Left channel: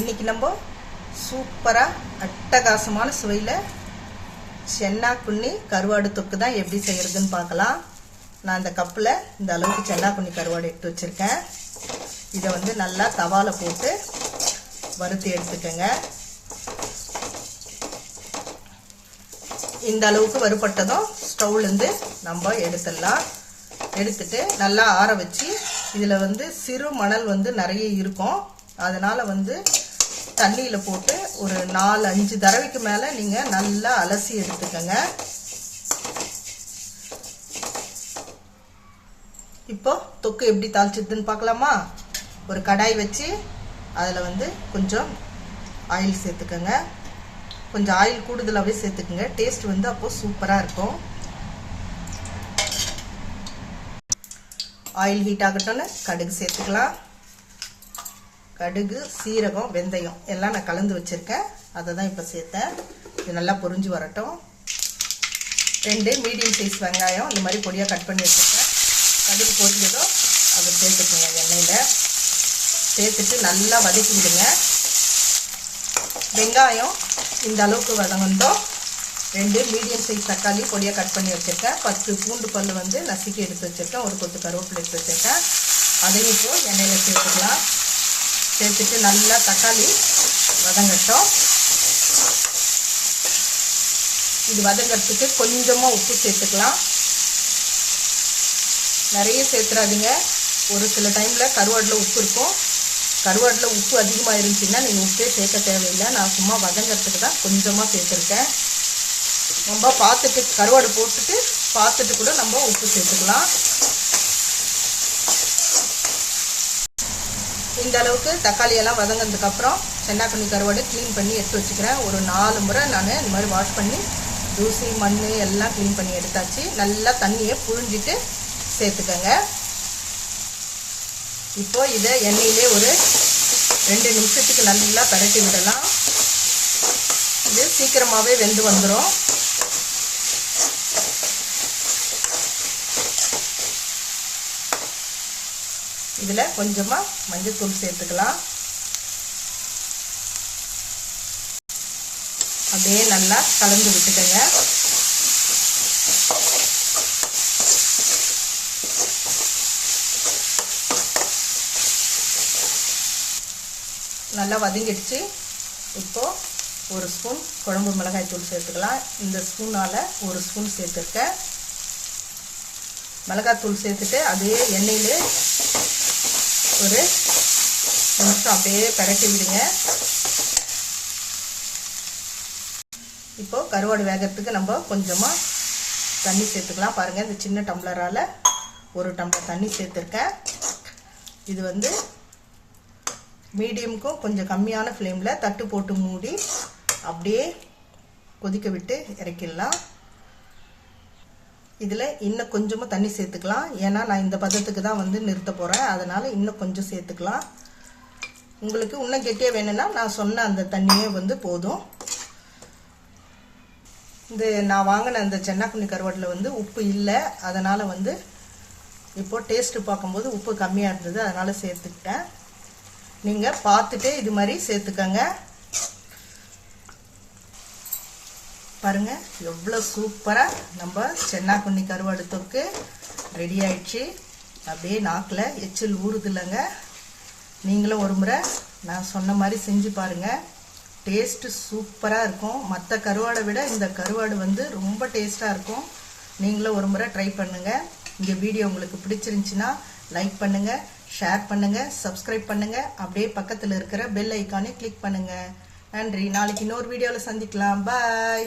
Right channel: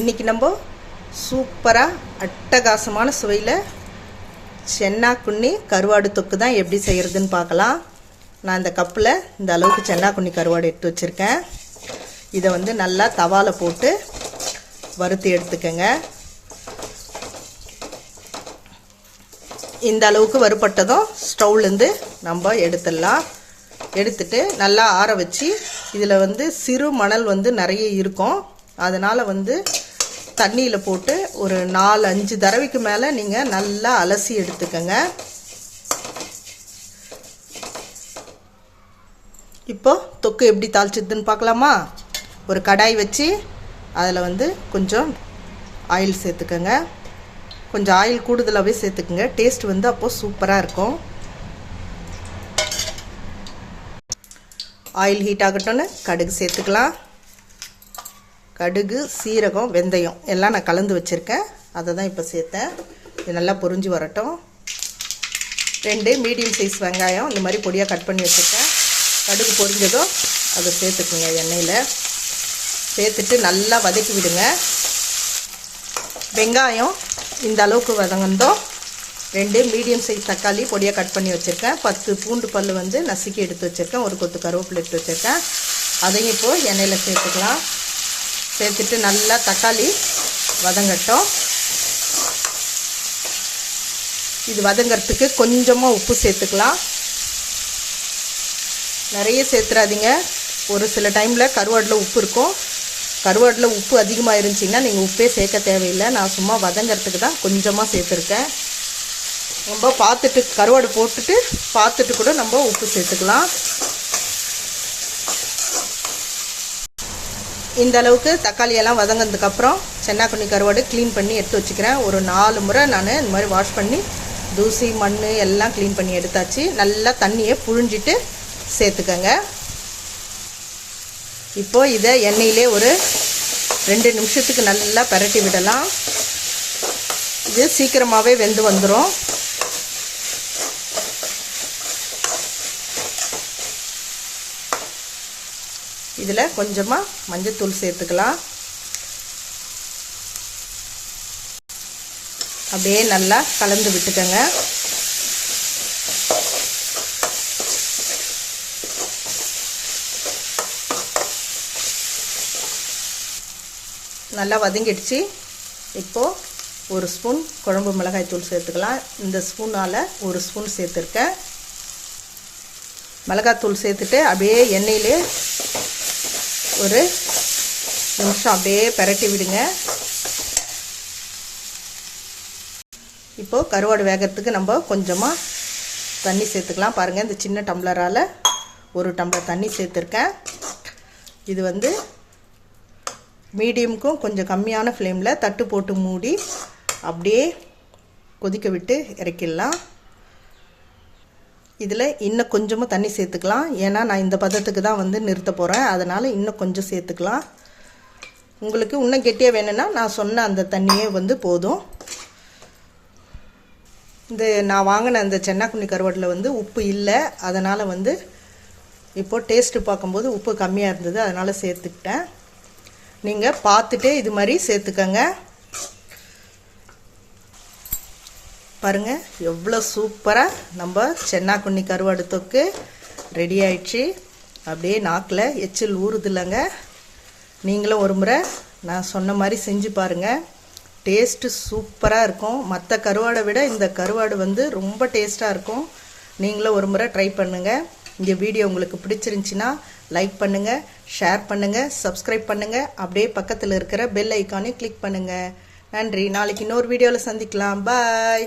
இன்னைக்கு நம்ம சூப்பராக அட்டகாசமான சுவையில் சென்னா குன்னி கருவாடு தொக்கு தான் எப்படி செய்கிறதுன்னு பார்க்கலாம். நான் இந்த கப்பில் இந்த அளவுக்கு சென்னாக்குன்னி கருவாடு எடுத்து வச்சுருக்கேன். இதை வந்து நல்லா தவால போட்டு வறுத்து எடுத்துக்கங்க. இந்த அளவுக்கு வறுபட்டதும் ஸ்டவ்லேருந்து நம்ம எடுத்துடலாம். எடுத்துட்டு நல்லா ஆற வச்சு இதில் வந்து சிறு மணல் வந்து நிறைய இருக்கும். அதனால் வந்து தண்ணியில் போட்டு ஒரு நாலு அஞ்சு தடவைக்கு மேலே நீங்கள் நல்லா அலசி எடுத்துக்கோங்க. இப்போ தொக்கு எப்படி தாளிச்சிதுன்னு பார்க்கலாமா? ஒரு கடாய் வச்சு அதில் வந்து கொஞ்சம் ஆயில் சேர்த்துக்கோங்க. கொஞ்சம் ஆயில் கூடுதலாகவே சேர்த்துக்குங்க. டேஸ்ட் வந்து அப்போது சூப்பராக இருக்கும். ஆயில் ஹீட் ஆகட்டோன்னு கடுகு சேர்த்துக்கலாம். கடுகு சீரகம் வெந்தயம். எல்லாம் நான் கலந்து வச்சுருக்கேன். அதை தான் இப்போ சேர்த்தேன் இது நல்லா பொரிஞ்சு வரட்டும். ரெண்டு மீடியம் சைஸ் வெங்காயம். இந்த மாதிரி பொடியாக கட் பண்ணி வச்சுருக்கேன். கடுகு பொறிஞ்சதும் அதை சேர்த்துக்குங்க எண்ணெயில். சேர்த்துட்டு நல்லா வதக்கி விடுங்க. வெங்காயம் இந்த அளவுக்கு வதங்கந்தோம் ரெண்டு மீடியம் சைஸ் தக்காளி பொடியாக கட் பண்ணி வச்சுருக்கேன். பத்து பூண்டு பல் வந்து நசுக்கி எடுத்து வச்சுருக்கேன். ஒரு கொத்து கருவேப்பிலை எடுத்து வச்சுருக்கேன். அதையும் இப்போது எண்ணெயில் சேர்த்துக்கலாம். சேர்த்துட்டு நல்லா தக்காளி வதங்கட்டும். இது வதங்கிறதுக்கு கொஞ்சமாக உப்பு சேர்த்துக்கலாம். நிறைய சேர்த்துறாதீங்க. ஒரு சில டைமில் கருவாடில் உப்பு இருக்கும். கருவாடில் உப்பு அதிகமாக இருந்துச்சுன்னா நீங்கள் உப்பே சேர்க்க தேவையில்லை. நான் சும்மா வதங்கிறதுக்கு தான் கொஞ்சமாக சேர்த்துருக்கேன். நம்ம பார்த்துட்டு கருவாடு போட்டுட்டு பார்த்துட்டு கூட நம்ம உப்பு சேர்த்துக்கலாம். இந்த அளவுக்கு தக்காளி எல்லாம் வதங்கினதுக்கப்புறம் சென்னாக்குண்ணி கருவாடு க்ளீன் பண்ணி எடுத்து வச்சுக்கிறேன். ஒரு நாலு முறை நான் இந்த மாதிரி வாஷ் பண்ணி தூசி மண் எல்லாம் க்ளீன் பண்ணி எடுத்தாச்சு. நல்லா தண்ணியை புழிஞ்சிட்டு சேர்த்துக்கங்க. இப்போ இதை எண்ணெயிலே ஒரு ரெண்டு நிமிஷத்துக்கு நல்லா பரட்டி விடலாம். இது சீக்கிரமாகவே வெந்து வந்துடும் இதில் கொஞ்சமாக மஞ்சத்தூள் சேர்த்துக்கலாம். அப்படியே நல்லா கலந்து விட்டுக்கங்க. நல்லா வதங்கிடுச்சு. இப்போது ஒரு ஸ்பூன் குழம்பு மிளகாய் தூள் சேர்த்துக்கலாம். இந்த ஸ்பூனால் ஒரு ஸ்பூன் சேர்த்துருக்கேன். மிளகாத்தூள் சேர்த்துட்டு அப்படியே எண்ணெயிலே ஒரு நிமிஷம் அப்படியே பரட்டி விடுங்க. இப்போது கருவாடு வேகிறதுக்கு நம்ம கொஞ்சமாக தண்ணி சேர்த்துக்கலாம். பாருங்கள் இந்த சின்ன டம்ளரால் ஒரு டம்ளர் தண்ணி சேர்த்துருக்கேன். இது வந்து மீடியமுக்கும் கொஞ்சம் கம்மியான ஃப்ளேமில் தட்டு போட்டு மூடி அப்படியே கொதிக்க விட்டு இறக்கிடலாம். இதில் இன்னும் கொஞ்சமும் தண்ணி சேர்த்துக்கலாம். ஏன்னா நான் இந்த பதத்துக்கு தான் வந்து நிறுத்த போகிறேன் அதனால் இன்னும் கொஞ்சம் சேர்த்துக்கலாம். உங்களுக்கு இன்னும் கெட்டியாக வேணும்னா நான் சொன்ன அந்த தண்ணியே வந்து போதும். இந்த நான் வாங்கின அந்த சென்னாக்குண்ணி கருவாட்டில் வந்து உப்பு இல்லை. அதனால் வந்து இப்போது டேஸ்ட்டு பார்க்கும்போது உப்பு கம்மியாக இருந்தது. அதனால் சேர்த்துக்கிட்டேன். நீங்கள் பார்த்துட்டே இது மாதிரி சேர்த்துக்கங்க. பாருங்கள் எவ்வளோ சூப்பராக நம்ம சென்னாக்குண்ணி கருவாடு தொக்கு ரெடி ஆயிடுச்சு. அப்படியே நாக்கில் எச்சில் ஊறுதில்லைங்க. நீங்களும் ஒரு முறை நான் சொன்ன மாதிரி செஞ்சு பாருங்கள் டேஸ்ட்டு சூப்பராக இருக்கும். மற்ற கருவாடை விட இந்த கருவாடு வந்து ரொம்ப டேஸ்ட்டாக இருக்கும். நீங்களும் ஒரு முறை ட்ரை பண்ணுங்கள் இந்த வீடியோ உங்களுக்கு பிடிச்சிருந்துச்சின்னா லைக் பண்ணுங்கள் ஷேர் பண்ணுங்கள் சப்ஸ்கிரைப் பண்ணுங்கள் அப்படியே பக்கத்தில் இருக்கிற பெல் ஐக்கானே கிளிக் பண்ணுங்கள் நன்றி. நாளைக்கு இன்னொரு வீடியோவில் சந்திக்கலாம். பாய்